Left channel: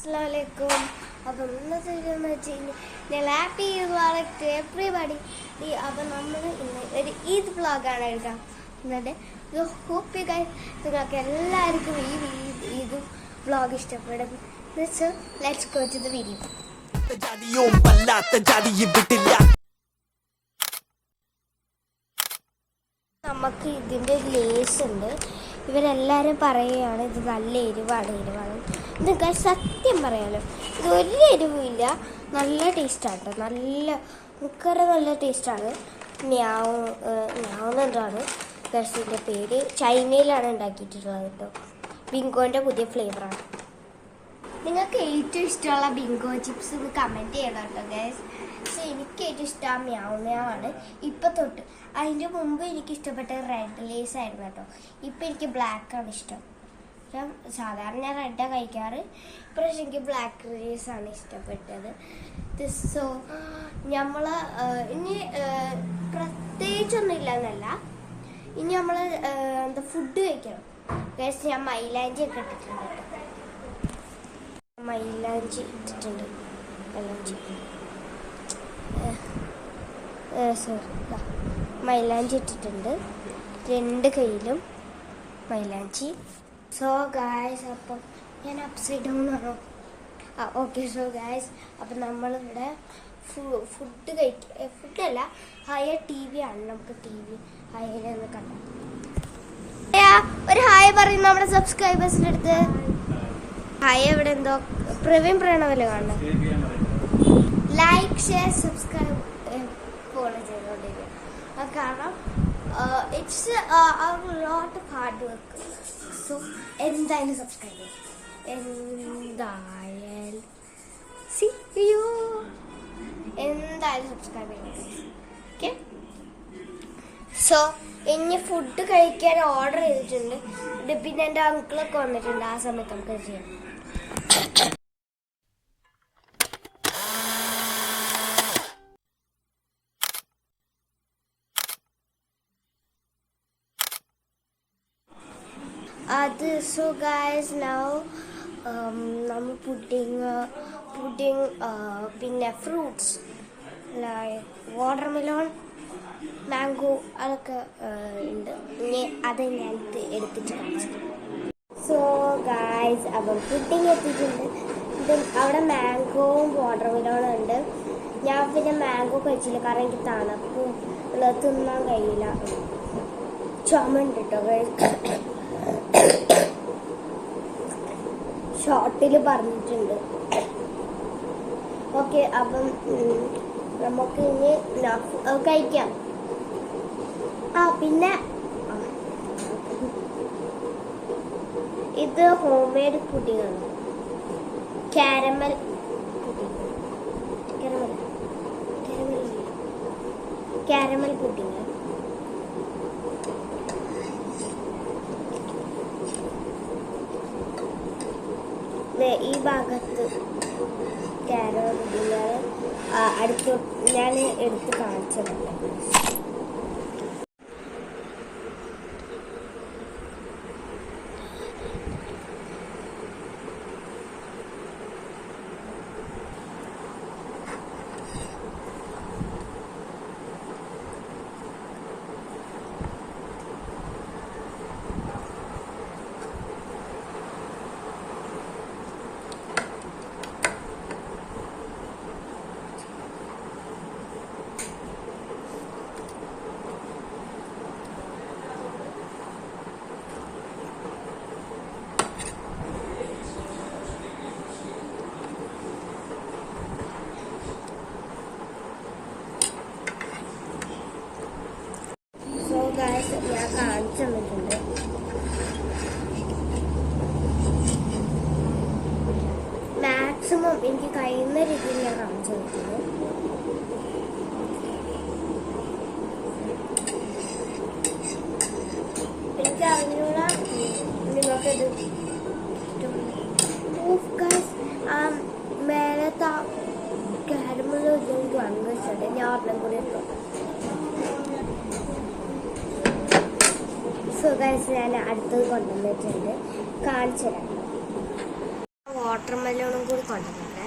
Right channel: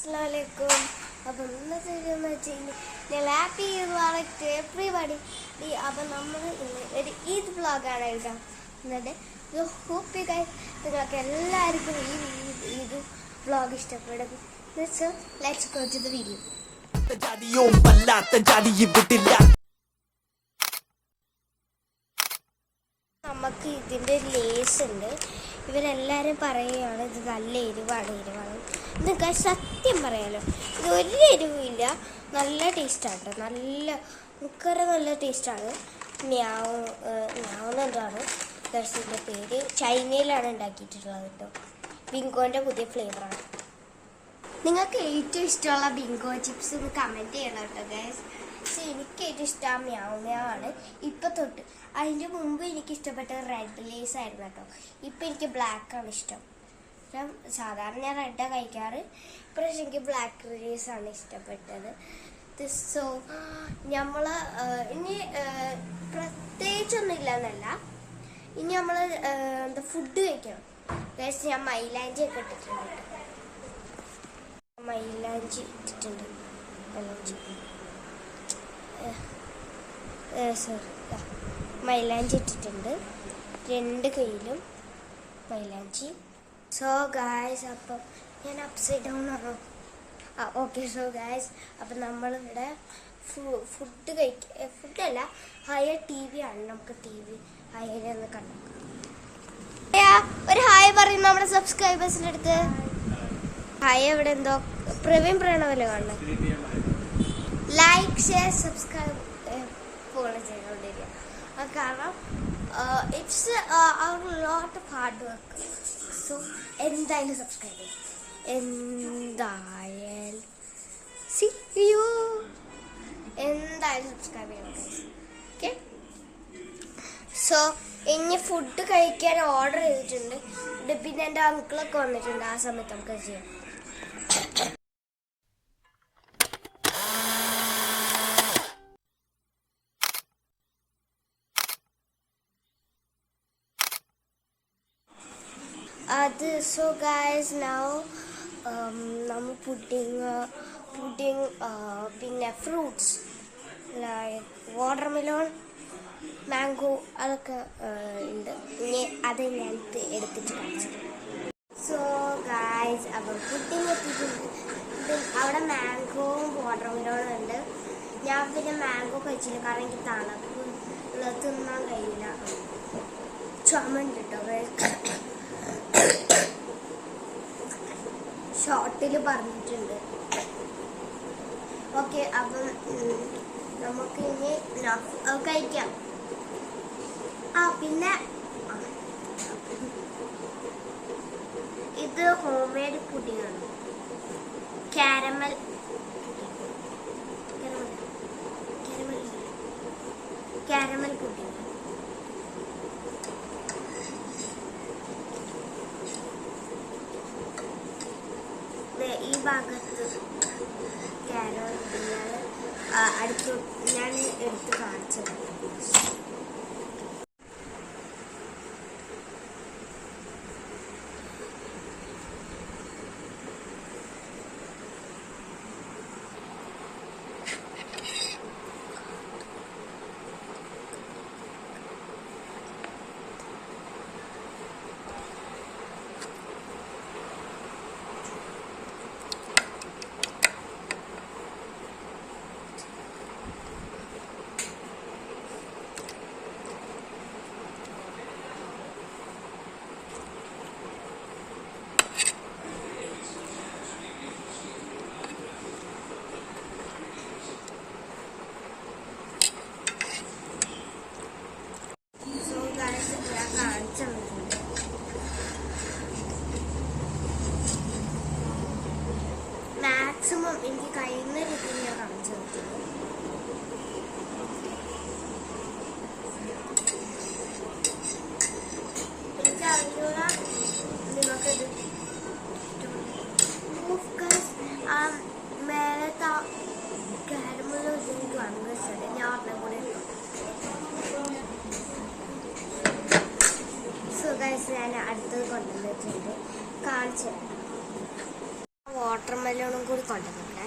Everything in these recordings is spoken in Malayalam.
Assalamualaikum. അപ്പോൾ ഇന്നത്തെ വീഡിയോ വെച്ച് ഞാൻ ഹാപ്പി വ്ളോഗ് എവറിബഡി. അപ്പോൾ നമ്മൾ ഇന്ന് ഒരു ഈദ് വ്ളോഗാണ് എടുക്കുന്നത്. ഹോപ്പ് യു ഗൈസ് നിങ്ങൾക്ക് എല്ലാവർക്കും ഈ ഈദ് വ്ളോഗ് ഇഷ്ടപ്പെടും. So let's go to the video. നമുക്ക് ഇതിൻ്റെ ലേസ് ഉണ്ട്. ഇവരെല്ലാവരും പറയുകയാണ് ഇത് നല്ല എരിവാണ്. ഇത് സത്യം പറയാലോ, ഇത് ഒരു എരിവില്ല, നല്ല ടേസ്റ്റാണ്. നല്ല ടേസ്റ്റാണ്. ഞാവുന്നതാണ് ഗസിൻ്റെ പേര്. ചൈനയിലാണ് ഉണ്ടാക്കിയിട്ടുള്ളത് കേട്ടോ. ബിങ്കോൻ്റെ പുതിയ ഫ്ലേവറാണ്. നിങ്ങൾക്ക് ഏറ്റവും ഇഷ്ടമുള്ള ബിങ്കോ ചിപ്സ് ഒന്ന് കമൻറ്റ് ചെയ്യണം കേട്ടോ ഗൈസ്. പക്ഷെ എനിക്ക് ഏറ്റവും ഇഷ്ടം മ്യാവാണ് ഇപ്പം തൊട്ട്. അതിൻ്റെ മുമ്പ് എനിക്ക് ഇഷ്ടപ്പെട്ടത് റെഡ് ലേസ് ആയിരുന്നു കേട്ടോ. ഇപ്പം എനിക്ക് ബ്ലാക്കാണ് ഇഷ്ടം. സാധാരണ ഞാൻ റെഡാണ് കഴിക്കാറ്. ഇപ്രാവശ്യം എനിക്ക് ബ്ലാക്ക് ലേസാണ് ഇഷ്ടപ്പെട്ടത്. സോ നമ്മൾ ഇനി പ്രത്യേകിച്ചൊന്നും ഇല്ലെന്നല്ല, ഇനി നമ്മൾ എന്താ ഫുഡ് കഴിക്കണം ഗൈസ്. ഞാൻ മൈലാഞ്ചി ഒക്കെ ഇട്ടിട്ടുണ്ട് കേട്ടോ. മൈലാഞ്ചി ഇട്ടിട്ടുണ്ട്. മൈലാഞ്ചി ഇട്ടിട്ടുണ്ട് രണ്ട് കയ്യിലും മൈലാഞ്ചി. സോ ഗായ്സ്, അപ്പം ഞാൻ അപ്സൈഡ് ഡൗൺ ആണോ? ഓക്കെ. സോ ഗായ്സ്, അപ്പം നമ്മളിവിടെ ഫുഡല്ല, ഹയർ ടി വി ആണ്. നമുക്ക് ടി വി ഹയർ കണ്ടു. ഒരു ഹായ് പറയും നമ്മുടെ സബ്സ്ക്രൈബേഴ്സിൻ്റെ അടുത്ത്. ഹായ്. ഇവിടെ എന്തോ പ്രവീൺ പ്രണവല്ലേ കാണുന്നത്. ലൈക്ക്, ഷെയർ, സബ്സ്ക്രൈബ് ഫോളോ ചെയ്തുകൊണ്ടിരിക്കുക. കാരണം it's lot of hard work. So എന്തായാലും സബ്സ്ക്രൈബ് ചെയ്യും. എന്തായാലും സബ്സ്ക്രൈബ് ചെയ്യണം. ഓക്കെ. സോ ഇനി ഫുഡ് കഴിക്കാൻ ഓർഡർ ചെയ്തിട്ടുണ്ട്. പിന്നെ എൻ്റെ അങ്കിളൊക്കെ വന്നിട്ടുണ്ട്. ആ സമയത്ത് നമുക്ക് ചെയ്യാം. So guys, now നമ്മൾ പുഡിങ് പിന്നെ ഫ്രൂട്ട്സ് ലൈക്ക് വാട്ടർമെലോൺ, മാംഗോ അതൊക്കെ ഉണ്ട്. ഇനി അത് ഞാൻ എടുത്തിട്ട് കാണിച്ചു. സോ ഗായ്സ്, അപ്പം പുഡിങ് എത്തിയിട്ടുണ്ട്. അവിടെ മാംഗോവും വാട്ടർമെലോണും ഉണ്ട്. ഞാൻ പിന്നെ മാംഗോ കഴിച്ചില്ല, കാരണം എനിക്ക് തണുപ്പ് തിന്നാൻ കഴിയില്ല. ചുമണ്ട് കേട്ടോ ഗൈസ്. ഷോർട്ടിൽ പറഞ്ഞിട്ടുണ്ട്. ഓക്കെ. അപ്പം നമുക്ക് ഇനി കഴിക്കാം. പിന്നെ ഇത് ഹോം മെയ്ഡ് പുഡിങ്ങാണ്. Caramel pudding. ഈ ഭാഗത്ത് കാരമൽ പുഡിങ്ങാണ്. അടുത്ത് ഞാൻ എടുത്ത് കാണിച്ചത്. ഞാൻ കാണിച്ചു തന്നിട്ടുണ്ട്. മാക്സിമം എനിക്ക് കഴിയുന്ന രീതിയിൽ ഞാൻ കാണിച്ചു തന്നിട്ടുണ്ട്. എനിക്ക് അറിഞ്ഞൂടാ നിങ്ങൾക്കിത് മേലത്തെ കാരമൽ എനിക്ക് ഭയങ്കര ഇഷ്ടമുണ്ട്. ഞാൻ ഒരെണ്ണം കൂടി ഇട്ടോട്ടെ. സോ ഗൈസ്, ഞാൻ അടുത്തത് കൊണ്ടുവന്നിട്ടുണ്ട്, കാണിച്ചു തരാം. വാട്ടർ മെലോണും കൂടി കൊണ്ടുവന്നേ.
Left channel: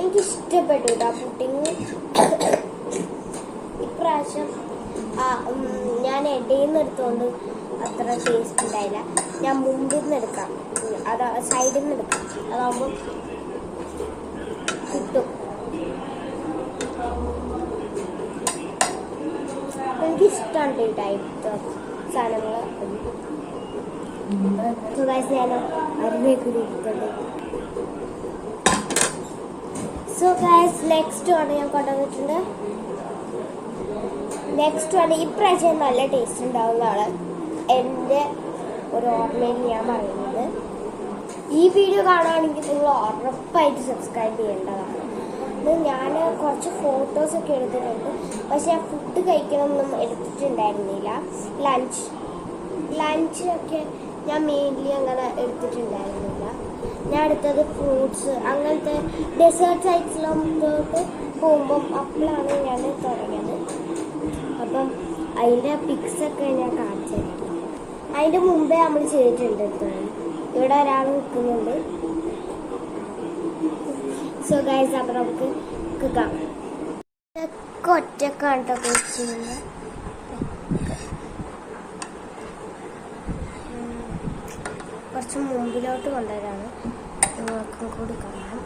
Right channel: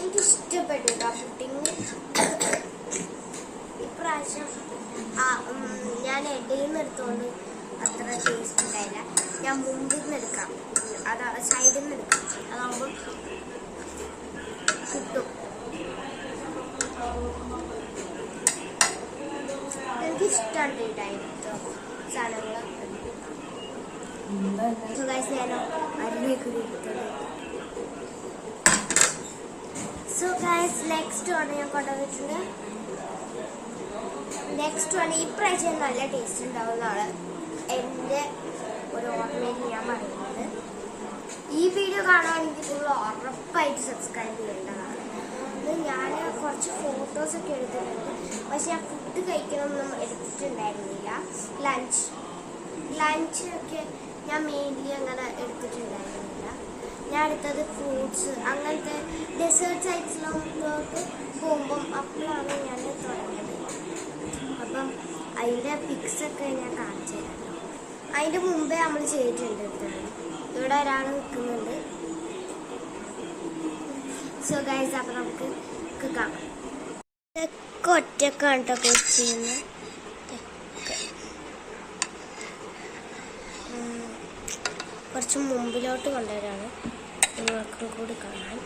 എനിക്കിഷ്ടപ്പെട്ടു കേട്ടോ പുഡിങ്. ഇപ്രാവശ്യം ഞാൻ ഇടയിൽ നിന്ന് എടുത്തുകൊണ്ട് അത്ര ടേസ്റ്റ് ഉണ്ടായില്ല. ഞാൻ മുമ്പിൽ നിന്ന് എടുക്കാം, സൈഡിൽ നിന്ന് എടുക്കാം, അതാകുമ്പോൾ കിട്ടും. എനിക്കിഷ്ടമാണ് ഈ ടൈപ്പ് സാധനങ്ങൾ. ഞാനോ അരുമേക്കൂടി എടുത്തത്. സോ ഗൈസ് നെക്സ്റ്റ് ആണ് ഞാൻ കൊണ്ടുവന്നിട്ടുണ്ട്. നെക്സ്റ്റ് ആണ് ഇപ്രാവശ്യം നല്ല ടേസ്റ്റ് ഉണ്ടാവുന്നതാണ് എൻ്റെ ഒരു ഓർമ്മയിൽ ഞാൻ പറയുന്നത്. ഈ വീഡിയോ കാണുകയാണെങ്കിൽ നിങ്ങൾ ഉറപ്പായിട്ട് സബ്സ്ക്രൈബ് ചെയ്യേണ്ടതാണ്. ഞാൻ കുറച്ച് ഫോട്ടോസൊക്കെ എടുത്തിട്ടുണ്ട്, പക്ഷെ ഞാൻ ഫുഡ് കഴിക്കണമൊന്നും എടുത്തിട്ടുണ്ടായിരുന്നില്ല. ലഞ്ചൊക്കെ ഞാൻ മെയിൻലി അങ്ങനെ എടുത്തിട്ടുണ്ടായിരുന്നില്ല. ഞാൻ എടുത്തത് ഫ്രൂട്ട്സ്, അങ്ങനത്തെ ഡെസേർട്ട് സൈറ്റ്സിലോട്ട് പോകുമ്പം അപ്പോഴാണ് ഞാൻ തുടങ്ങിയത്. അപ്പം അതിൻ്റെ പിക്സൊക്കെ ഞാൻ കാണിച്ചു തരാം. അതിൻ്റെ മുമ്പേ നമ്മൾ ചെയ്തിട്ടുണ്ട്. ഇവിടെ ഒരാൾ നിൽക്കുന്നുണ്ട്. സോ ഗൈസ്, അപ്പം നമുക്ക് കാണാം. ഇതൊക്കെ ഒറ്റക്കാണ് കേട്ടോ ചെയ്യുന്നത്. കുറച്ച് മുമ്പിലോട്ട് കൊണ്ടുവരാണ്, നിങ്ങൾക്കും കൂടി കാണാം.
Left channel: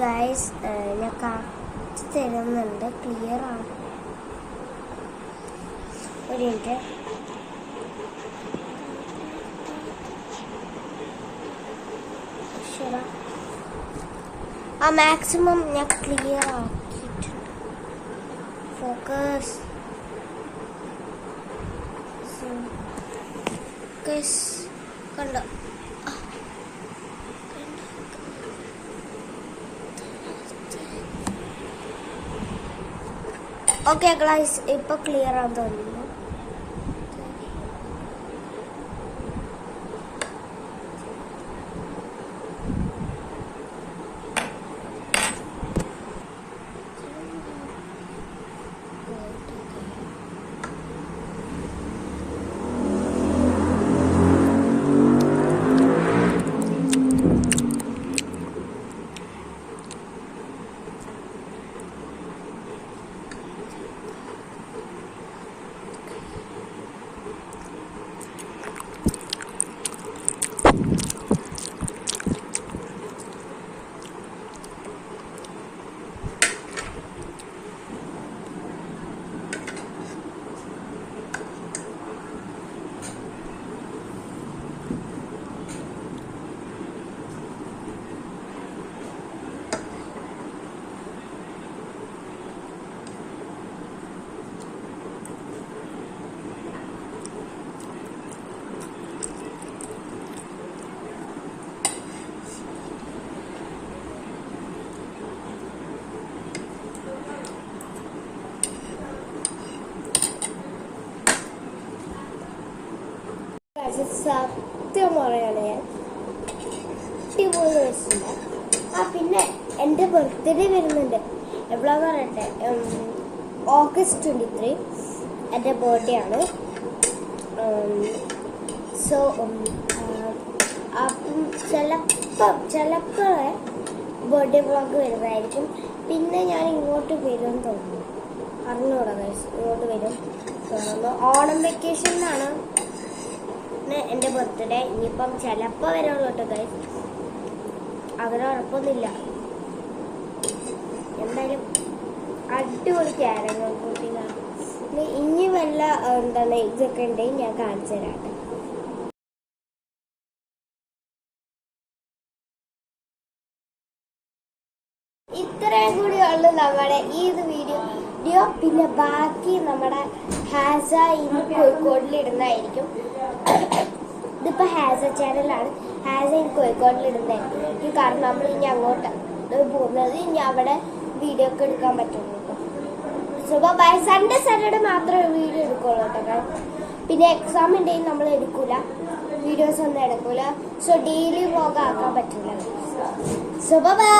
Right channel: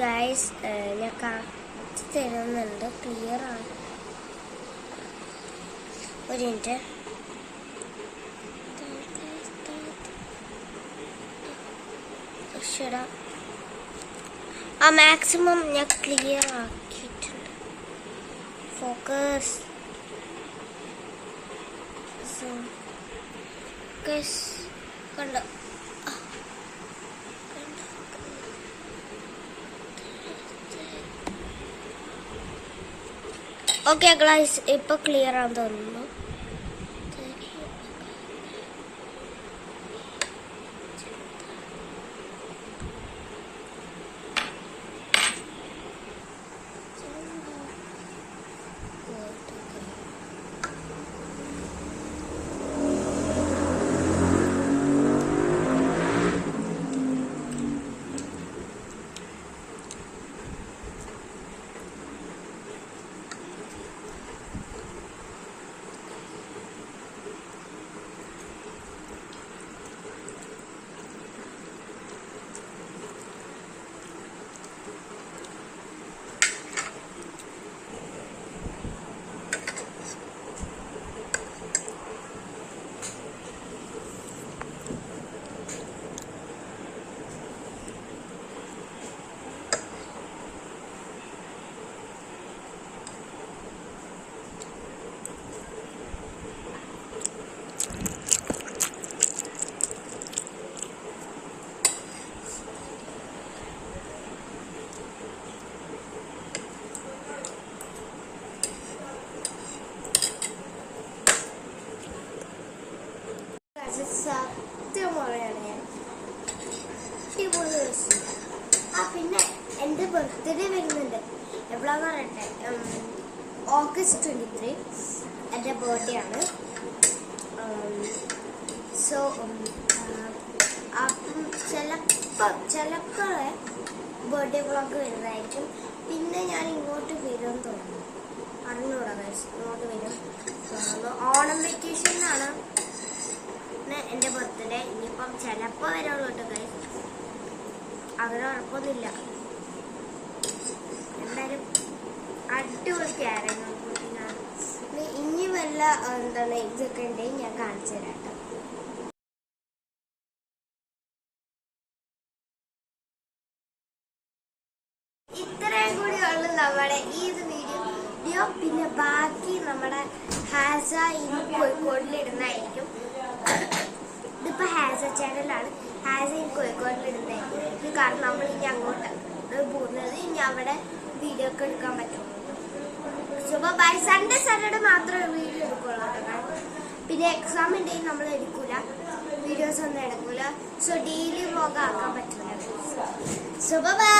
ഗൈസ് ഞാൻ കാണിച്ചു തരുന്നുണ്ട്, ക്ലിയർ ആണ്. ഒരു മിനിറ്റ്. മാക്സിമം ഞാൻ ക്ലിയർ ആക്കിയിട്ടുണ്ട്. ഫോക്കസ് കണ്ടോ? ഓക്കെ ഗൈസ്, ഇപ്പൊ ക്ലിയർ ആണെന്ന് തോന്നുന്നു. ഗൈസ്, സത്യം പറയാണ് ഞാൻ. അടിപൊളി രസമില്ല. പിന്നെ എൻ്റെ ബർത്ത്ഡേ വരുന്നുണ്ട്. എപ്പോഴാന്ന് പറയട്ടെ, August 23 എൻ്റെ ബർത്ത്ഡേ ആണ്. സോ അപ്പം ചിലപ്പോൾ ബർത്ത്ഡേ വ്ളോഗ് വരുന്നതായിരിക്കും. പിന്നെ ഞാൻ ഇങ്ങോട്ട് വരുമെന്ന് തോന്നുന്നു, അറിഞ്ഞൂടാ ഗൈസ്, ഇങ്ങോട്ട് വരും തോന്നുന്നു. ഓണം വെക്കേഷനിലാണ് എൻ്റെ ബർത്ത്ഡേ. ഇനിയിപ്പം ചിലപ്പോൾ വരുള്ളൂ കേട്ടോ ഗൈസ്, അങ്ങനെ ഉറപ്പൊന്നുമില്ല. എന്തായാലും അടിപൊളി ക്യാരങ്ങൾ കൂട്ടിലാണ്. ഇനി വല്ല എന്താണ് ഇതൊക്കെ ഉണ്ടെങ്കിൽ ഞാൻ കാണിച്ചു തരാം കേട്ടോ. ഇത്രയും കൂടിയുള്ളു നമ്മുടെ ഈ വീഡിയോ. പിന്നെ ബാക്കി നമ്മുടെ ഹാസ ഇന്ന് കോഴിക്കോടിലിടുന്നതായിരിക്കും. ഇതിപ്പോ ഹാസ ചാനലാണ്. ഹാസ ഇനി കോഴിക്കോടിലിടുന്നതായിരിക്കും. കാരണം നമ്മൾ ഇനി അങ്ങോട്ട് പോകുന്നത്, ഇനി അവിടെ വീഡിയോ ഒക്കെ എടുക്കാൻ പറ്റുള്ളൂ കേട്ടോ. So bye. സൺഡേ മാത്രമേ വീഡിയോ എടുക്കുള്ളൂ കേട്ടോ. പിന്നെ എക്സാം ഉണ്ടെങ്കിൽ നമ്മൾ എടുക്കൂല, വീഡിയോസ് ഒന്നും എടുക്കൂല. സോ ഡെയിലി വ്ളോഗ് ആക്കാൻ പറ്റൂല. So by.